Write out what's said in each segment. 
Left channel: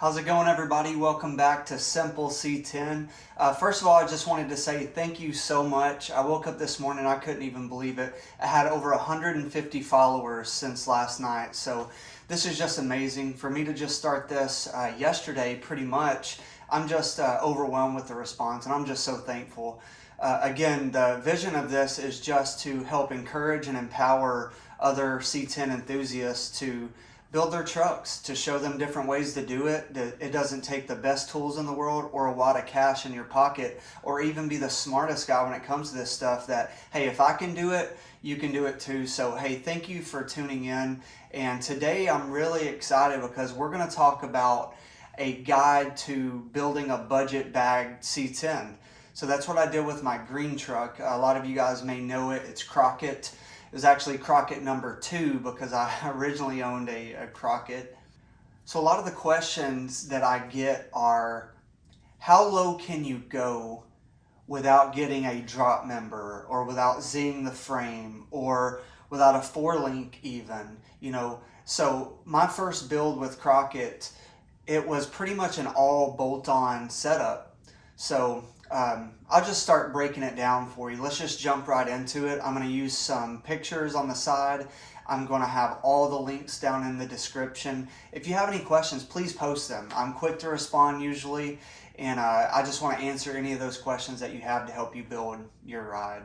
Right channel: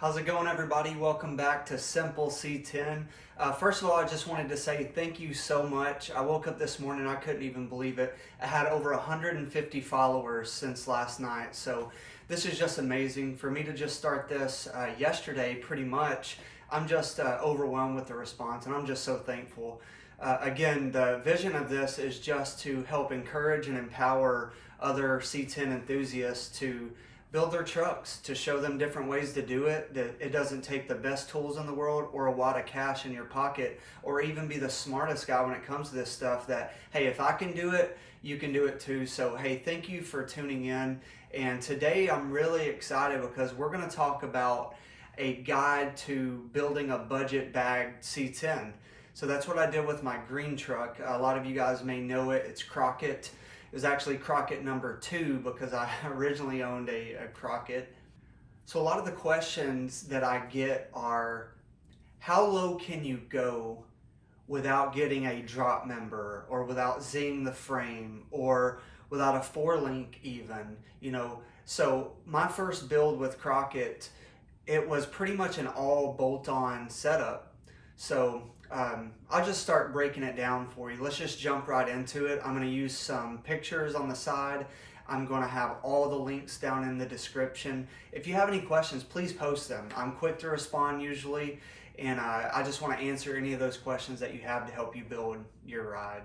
How's it going, everybody? Welcome back to Simple C10. First of all, I just wanted to say thank you so much. I woke up this morning, I couldn't even believe it. I had over 150 followers since last night, so this is just amazing. For me to just start this yesterday, pretty much, I'm just overwhelmed with the response, and I'm just so thankful. Again, the vision of this is just to help encourage and empower other C10 enthusiasts to build their trucks, to show them different ways to do it, that it doesn't take the best tools in the world or a wad of cash in your pocket or even be the smartest guy when it comes to this stuff, that, hey, if I can do it, you can do it too. So, hey, thank you for tuning in. And today I'm really excited because we're going to talk about a guide to building a budget bag C10. So that's what I did with my green truck. A lot of you guys may know it. It's Crockett. It was actually Crockett number 2 because I originally owned a Crockett. So a lot of the questions that I get are, how low can you go without getting a drop member, or without zing the frame, or without a 4-link even, So my first build with Crockett, it was pretty much an all bolt-on setup. So I'll just start breaking it down for you. Let's just jump right into it. I'm going to use some pictures on the side. I'm going to have all the links down in the description. If you have any questions, please post them. I'm quick to respond usually, and I just want to answer any of those questions that you have to help you build your ride.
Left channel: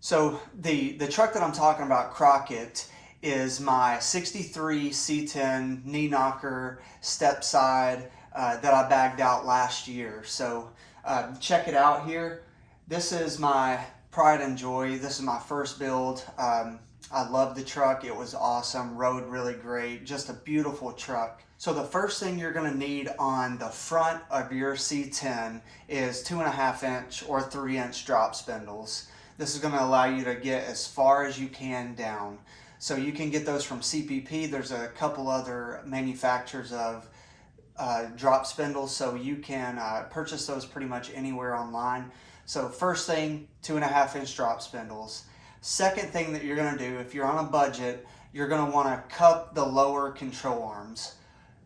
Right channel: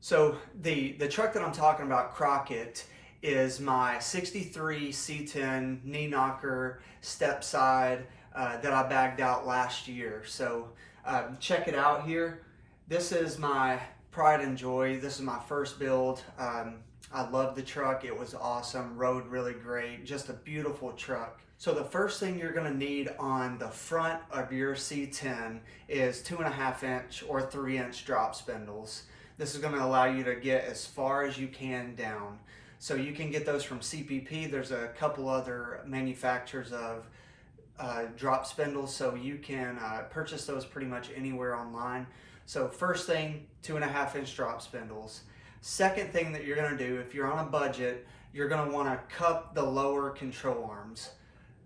So the truck that I'm talking about, Crockett, is my 63 C10 knee knocker step side that I bagged out last year. So check it out here. This is my pride and joy. This is my first build. I love the truck. It was awesome. Rode really great. Just a beautiful truck. So the first thing you're going to need on the front of your C10 is 2.5-inch or 3-inch drop spindles. This is going to allow you to get as far as you can down. So you can get those from CPP. There's a couple other manufacturers of drop spindles, so you can purchase those pretty much anywhere online. So first thing, 2.5-inch drop spindles. Second thing that you're going to do, if you're on a budget, you're going to want to cup the lower control arms.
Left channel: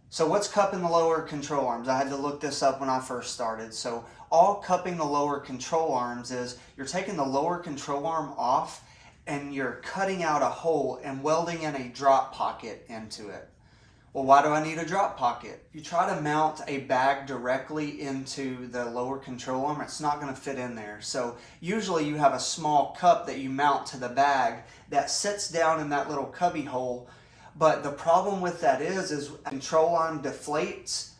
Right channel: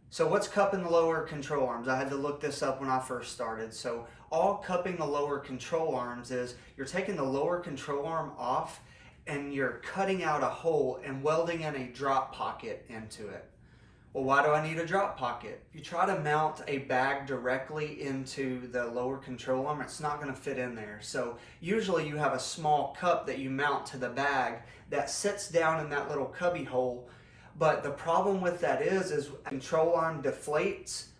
So what's cupping the lower control arms? I had to look this up when I first started. So all cupping the lower control arms is you're taking the lower control arm off and you're cutting out a hole and welding in a drop pocket into it. Well, why do I need a drop pocket? If you try to mount a bag directly into the lower control arm, it's not going to fit in there. So usually you have a small cup that you mount to the bag that sits down in that little cubby hole. But the problem with that is control arm deflates,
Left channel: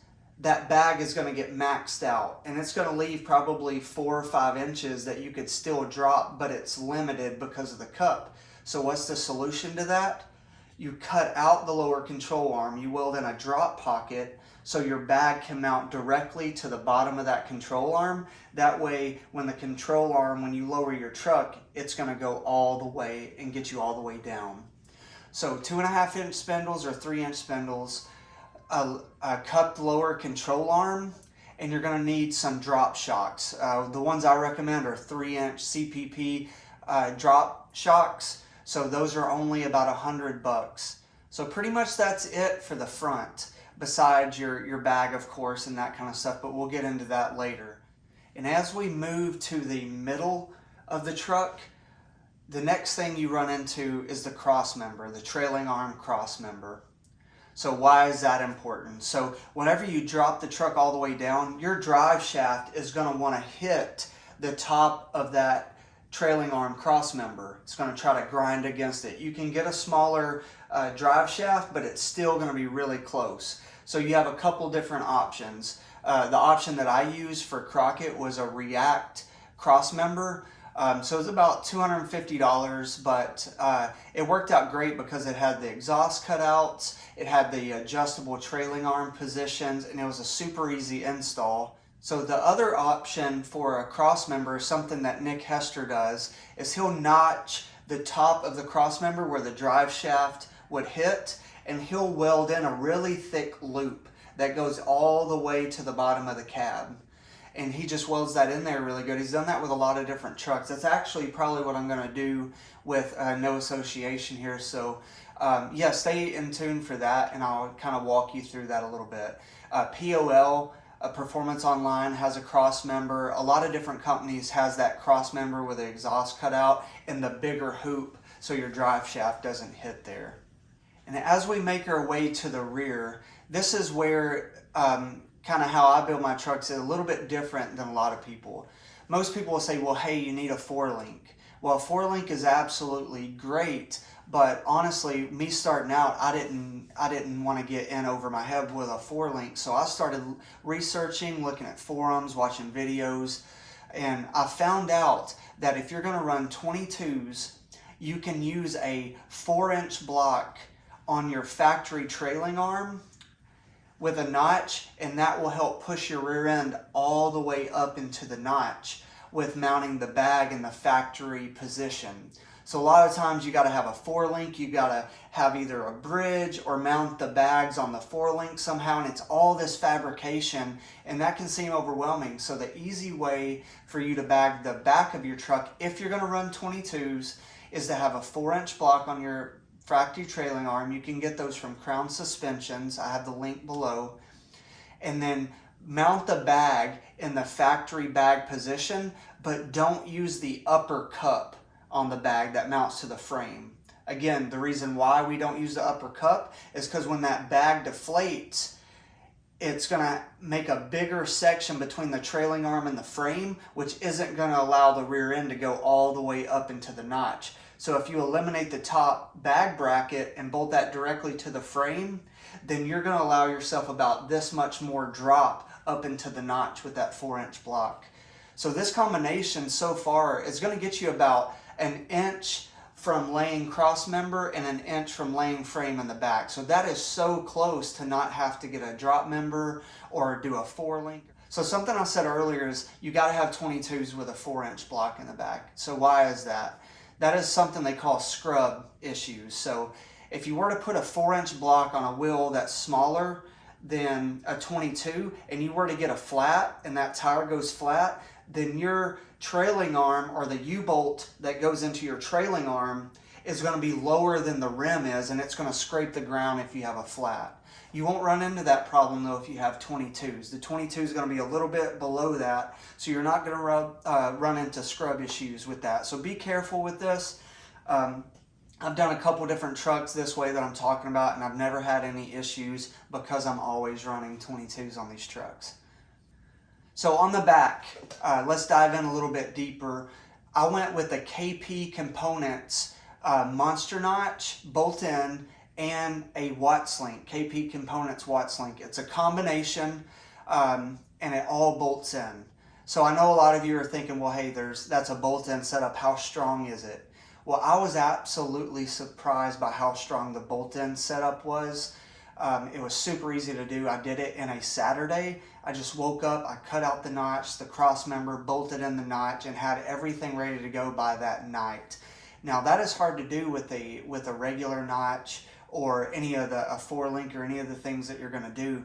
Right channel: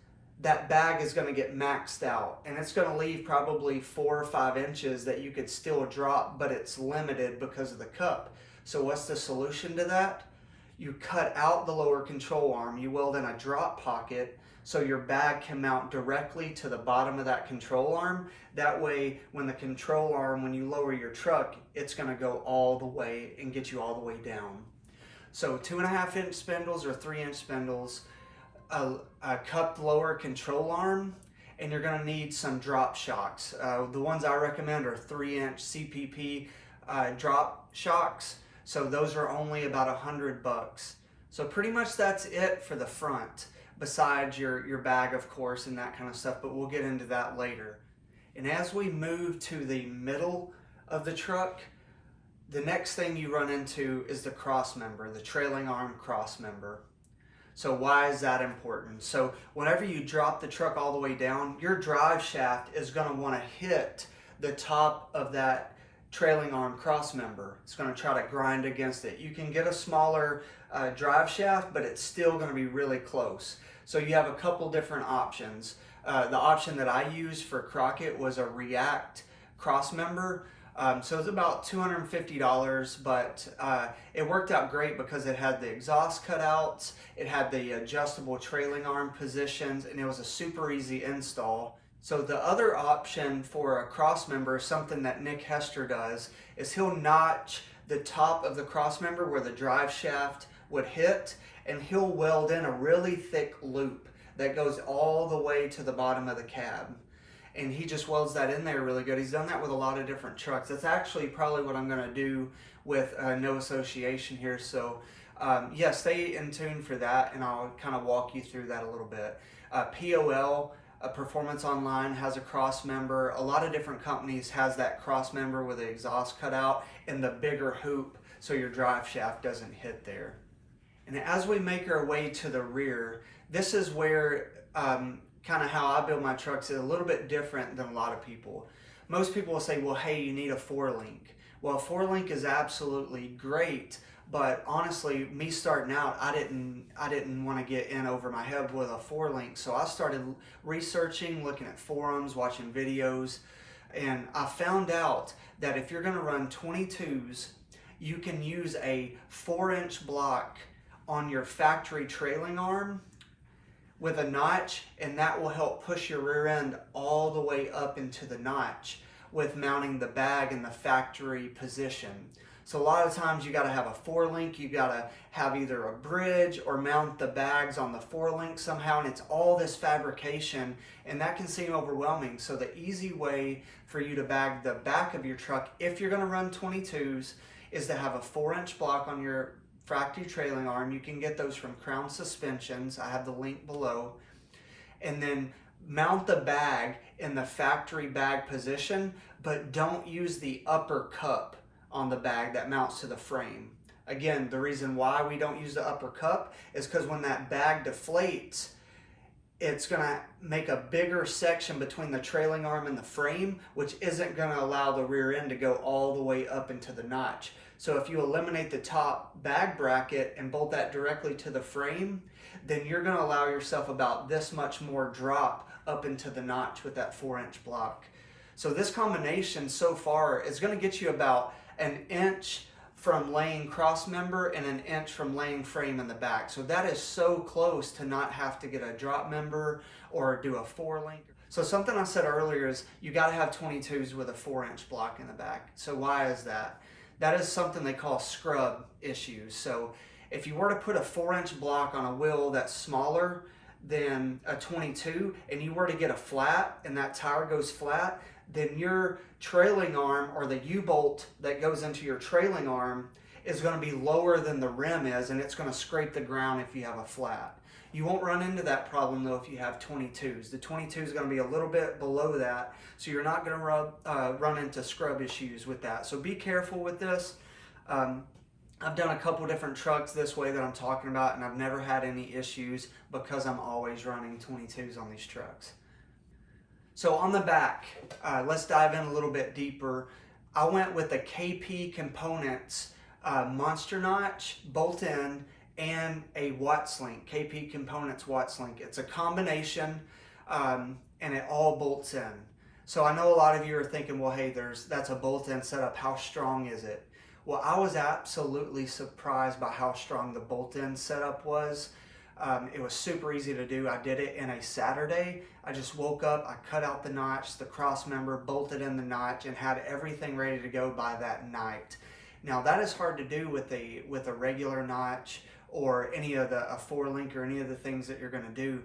that bag is going to get maxed out. And it's going to leave probably 4 or 5 inches that you could still drop, but it's limited because of the cup. So what's the solution to that? You cut out the lower control arm, you weld in a drop pocket so your bag can mount directly to the bottom of that control arm. That way, when the control arm, when you lower your truck, it's going to go all the way and get you all the way down. So 2.5-inch spindles or 3-inch spindles, a cupped lower control arm, and you're going to need some drop shocks. The ones I recommend are 3-inch CPP drop shocks. So those are only about $100. So pretty much that's it for the front, besides your bag, of course, and that kind of stuff, but we'll get into that later. And as we move to the middle of the truck, the next thing you run into is the cross member, the trailing arm cross member. So why is that important? So whenever you drop the truck all the way down, your drive shaft is going to want to hit the top of that trailing arm cross member. It's going to try to grind against it. You can get a smaller drive shaft, but it's still going to be really close. So you have a couple different options. The option that I used for Crockett was a React cross member. So it was about $250, but it worked out great because it had the exhaust cutouts, it had the adjustable trailing arm positions, and it was a super easy install. So the other option for a cross member, something that Nick Hester does, is he'll notch the top of the cross member where the drive shaft would hit, and he'll weld in a really thick loop that goes all the way to the bottom of the cab. And he just welds that in there really good. He's done that with a lot of different trucks. That's actually probably what I'm going to do with No Association here. So Yeah, stay in tune for that, and I'll kind of walk you through that a little bit. POL, Performance Online, has a cross member. A lot of different companies has that cross member with the exhaust cut out and the bigger hoop so your drive shaft doesn't hit there. And as we make our way to the rear, this is where kind of how I build my trucks is a little bit different than a lot of people. Most people will say, well, hey, you need a 4-link. Well, a 4-link is absolutely great, but honestly, me starting out, I didn't want to get in over my head with a 4-link. So I started researching, looking at forums, watching videos, and I found out that if you're going to run 22s, you can use a 4-inch block on your factory trailing arm with a notch, and that will help push your rear end all the way up into the notch with mounting the bag in the factory position. So a lot of times you got to have a 4-link, you got to have either a bridge or mount the bags on the 4-link somehow, and it's all this fabrication, and that can seem overwhelming. So the easy way for you to bag the back of your truck, if you're going to run 22s, is to have a 4-inch block on your factory trailing arm. You can get those from Crown Suspensions. I have the link below. And then mount the bag in the factory bag position, but don't use the upper cup on the bag that mounts to the frame. Again, the reason why we don't use the upper cup is because when that bag deflates, it's going to make a bigger section between the trailing arm and the frame, which isn't going to allow the rear end to go all the way up into the notch. So if you eliminate the top bag bracket and bolt that directly to the frame, then you're going to allow yourself about this much more drop up into the notch with that 4-inch block. So this combination so far is going to get you about an inch from laying cross member and an inch from laying frame in the back. So that is so close to not have to get a drop member or do a 4-link. So something I said earlier is you got to have 22s with a 4-inch block in the back. So why is that? That is something they call scrub issues. So if you were to put a 4-inch block on a wheel that's smaller than a 22 and you were to get a flat and that tire goes flat, then your trailing arm or the U-bolt that goes into your trailing arm is going to be lower than the rim is, and it's going to scrape the ground if you have a flat. You won't run into that problem though if you have 22s. The 22 is going to be a little bit below that, so you're not going to run into scrub issues with that. So be careful with this. I've done a couple different trucks this way that I'm talking about, and I've never had any issues because I'm always running 22s on these trucks. So on the back, let's dive in a little bit deeper. I went with the KP Components Monster Notch bolt-in and a Watts link, KP Components Watts link. It's a combination and it all bolts in. So I know a lot of you are thinking, well, hey, that's a bolt-in setup. How strong is it? Well, I was absolutely surprised by how strong the bolt-in setup was. It was super easy to do. I did it in a Saturday. I just woke up, I cut out the notch, the cross member, bolted in the notch, and had everything ready to go by that night. Now that is hard to do with a regular notch or any of a 4-link or any of the things that you're going to do.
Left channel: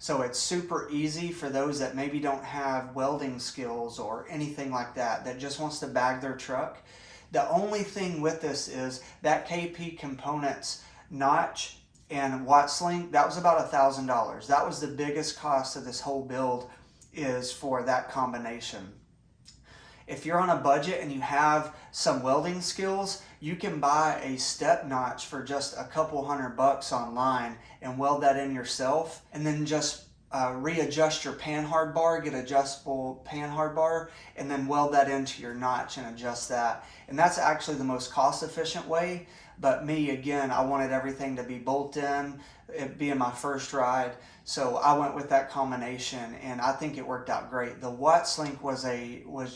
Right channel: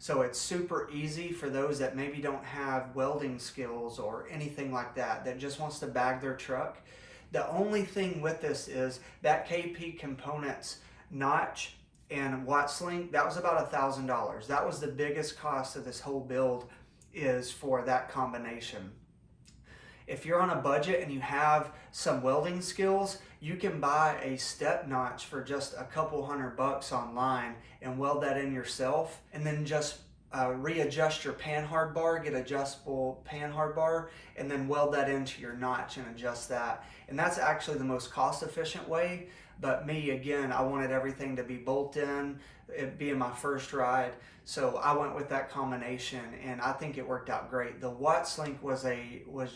So it's super easy for those that maybe don't have welding skills or anything like that, that just wants to bag their truck. The only thing with this is that KP Components notch and Watts link, that was about $1,000. That was the biggest cost of this whole build, is for that combination. If you're on a budget and you have some welding skills, you can buy a step notch for just a couple $100 online and weld that in yourself, and then just readjust your panhard bar, get adjustable panhard bar, and then weld that into your notch and adjust that. And that's actually the most cost efficient way. But me, again, I wanted everything to be bolt in, it being my first ride. So I went with that combination, and I think it worked out great. The Watts link was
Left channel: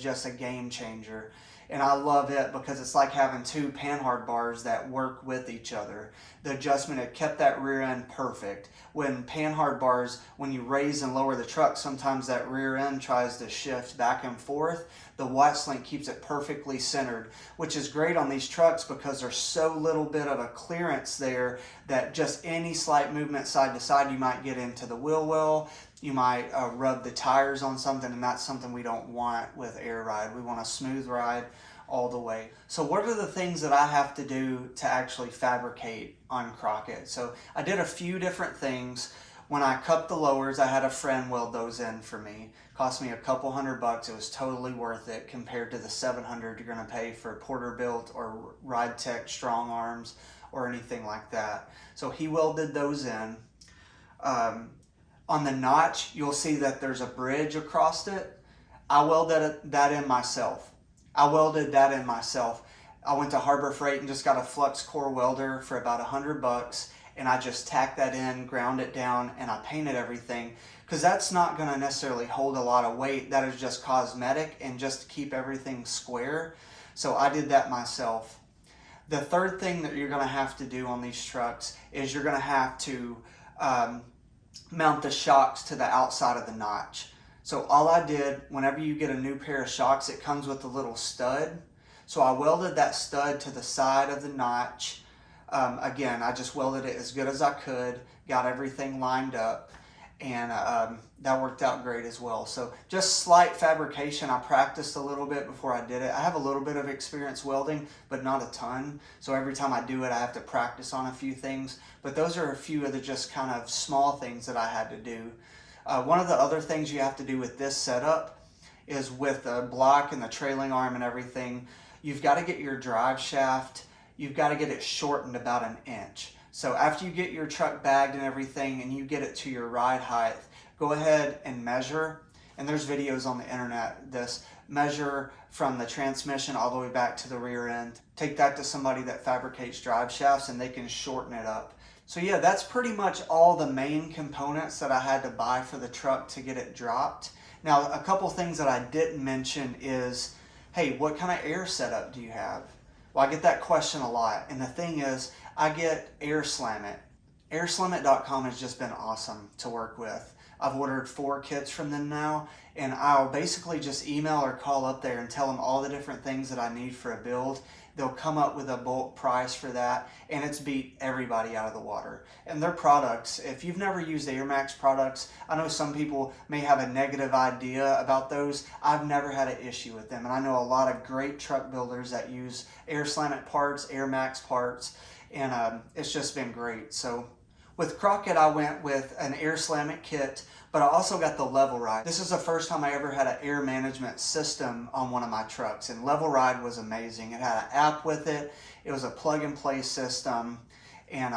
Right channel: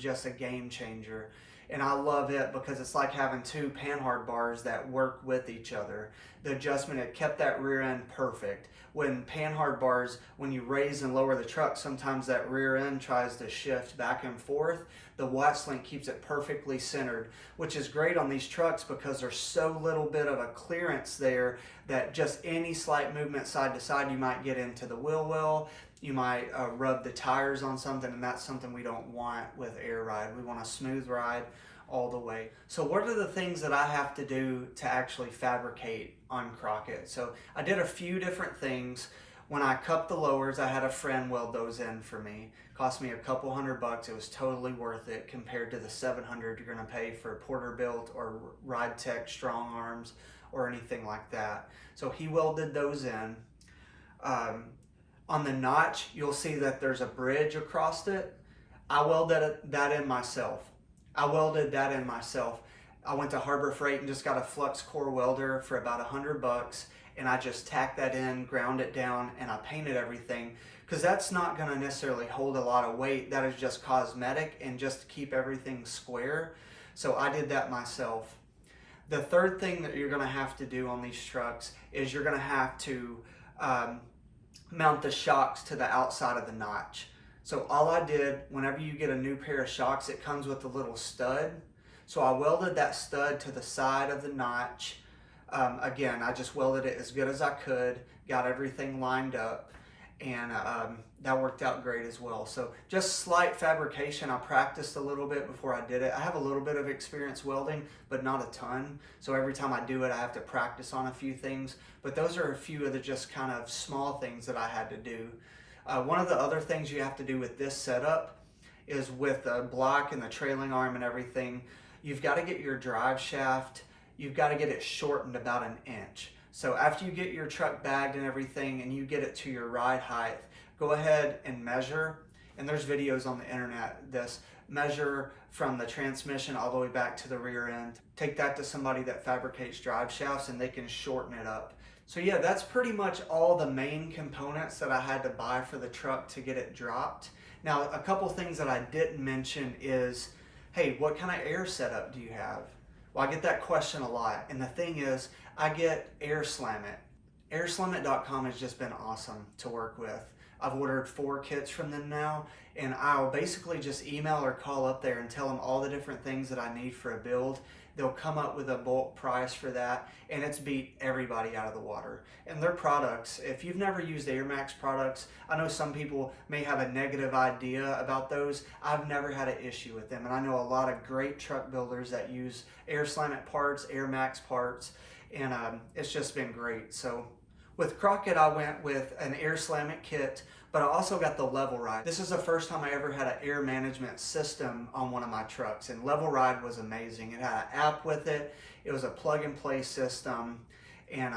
just a game changer. And I love it because it's like having two panhard bars that work with each other. The adjustment, it kept that rear end perfect. When panhard bars, when you raise and lower the truck, sometimes that rear end tries to shift back and forth. The Watts link keeps it perfectly centered, which is great on these trucks because there's so little bit of a clearance there that just any slight movement side to side, you might get into the wheel well, you might rub the tires on something, and that's something we don't want with air ride. We want a smooth ride all the way. So what are the things that I have to do to actually fabricate on Crockett? So I did a few different things. When I cut the lowers, I had a friend weld those in for me. Cost me a couple $100. It was totally worth it compared to the $700 you're gonna pay for Porter-Built or Ride Tech strong arms or anything like that. So he welded those in. On the notch, you'll see that there's a bridge across it. I welded that in myself. I went to Harbor Freight and just got a flux core welder for about $100, and I just tacked that in, ground it down, and I painted everything, because that's not going to necessarily hold a lot of weight. That is just cosmetic and just to keep everything square. So I did that myself. The third thing that you're going to have to do on these trucks is you're going to have to mount the shocks to the outside of the notch. So all I did, whenever you get a new pair of shocks, it comes with a little stud. So I welded that stud to the side of the notch. Again, I just welded it as good as I could, got everything lined up, and that worked out great as well. So just slight fabrication. I practiced a little bit before I did it. I have a little bit of experience welding, but not a ton. So every time I do it, I have to practice on a few things. But those are a few of the just kind of small things that I had to do. One of the other things you have to do with this setup is with the block and the trailing arm and everything, you've got to get your drive shaft, you've got to get it shortened about 1 inch. So after you get your truck bagged and everything and you get it to your ride height, go ahead and measure, and there's videos on the internet, measure from the transmission all the way back to the rear end. Take that to somebody that fabricates drive shafts and they can shorten it up. So yeah, that's pretty much all the main components that I had to buy for the truck to get it dropped. Now, a couple things that I didn't mention is, hey, what kind of air setup do you have? Well, I get that question a lot. And the thing is, I get AirSlamit. AirSlamit.com has just been awesome to work with. I've ordered 4 kits from them now, and I'll basically just email or call up there and tell them all the different things that I need for a build. They'll come up with a bulk price for that, and it's beat everybody out of the water. And their products, if you've never used AirMax products, I know some people may have a negative idea about those. I've never had an issue with them, and I know a lot of great truck builders that use AirSlamit parts, AirMax parts, and it's just been great. So with Crockett, I went with an AirSlamit kit, but I also got the Level Ride. This is the first time I ever had an air management system on one of my trucks, and Level Ride was amazing. It had an app with it. It was a plug-and-play system, and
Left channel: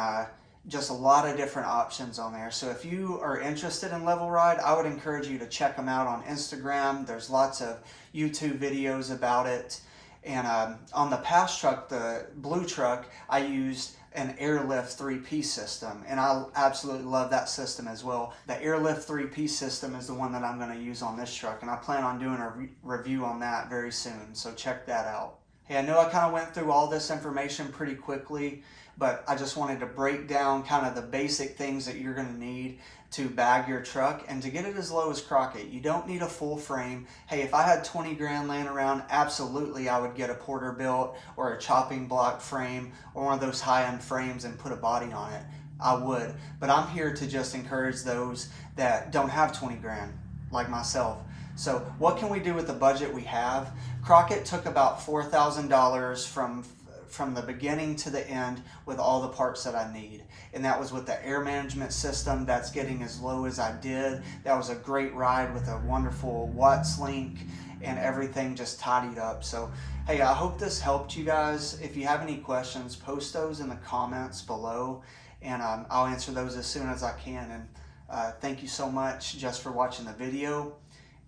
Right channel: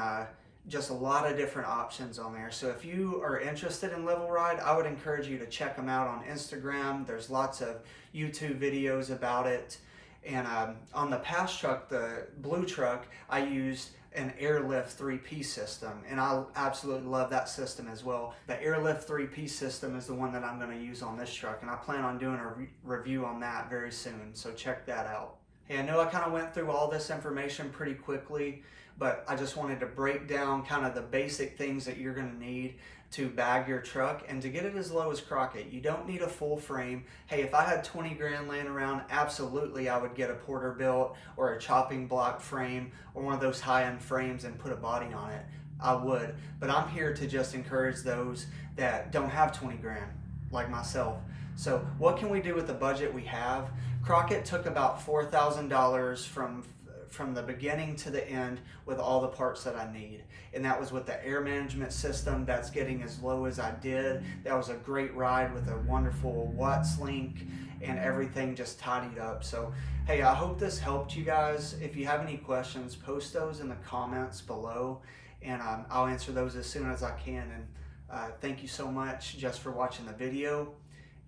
just a lot of different options on there. So if you are interested in Level Ride, I would encourage you to check them out on Instagram. There's lots of YouTube videos about it. And on the past truck, the blue truck, I used an Airlift 3-piece system, and I absolutely love that system as well. The Airlift 3-piece system is the one that I'm going to use on this truck, and I plan on doing a review on that very soon, so check that out. Hey, I know I kind of went through all this information pretty quickly, but I just wanted to break down kind of the basic things that you're going to need to bag your truck and to get it as low as Crockett. You don't need a full frame. Hey, if I had 20 grand laying around, absolutely I would get a Porter-Built or a chopping block frame or one of those high-end frames and put a body on it. I would, but I'm here to just encourage those that don't have 20 grand like myself. So what can we do with the budget we have? Crockett took about $4,000 from the beginning to the end with all the parts that I need. And that was with the air management system. That's getting as low as I did. That was a great ride with a wonderful Watts link and everything just tidied up. So, hey, I hope this helped you guys. If you have any questions, post those in the comments below, and I'll answer those as soon as I can. And thank you so much just for watching the video,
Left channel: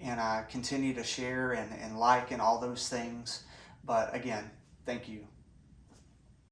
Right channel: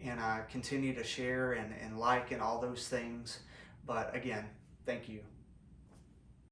and continue to share and like and all those things. But again, thank you.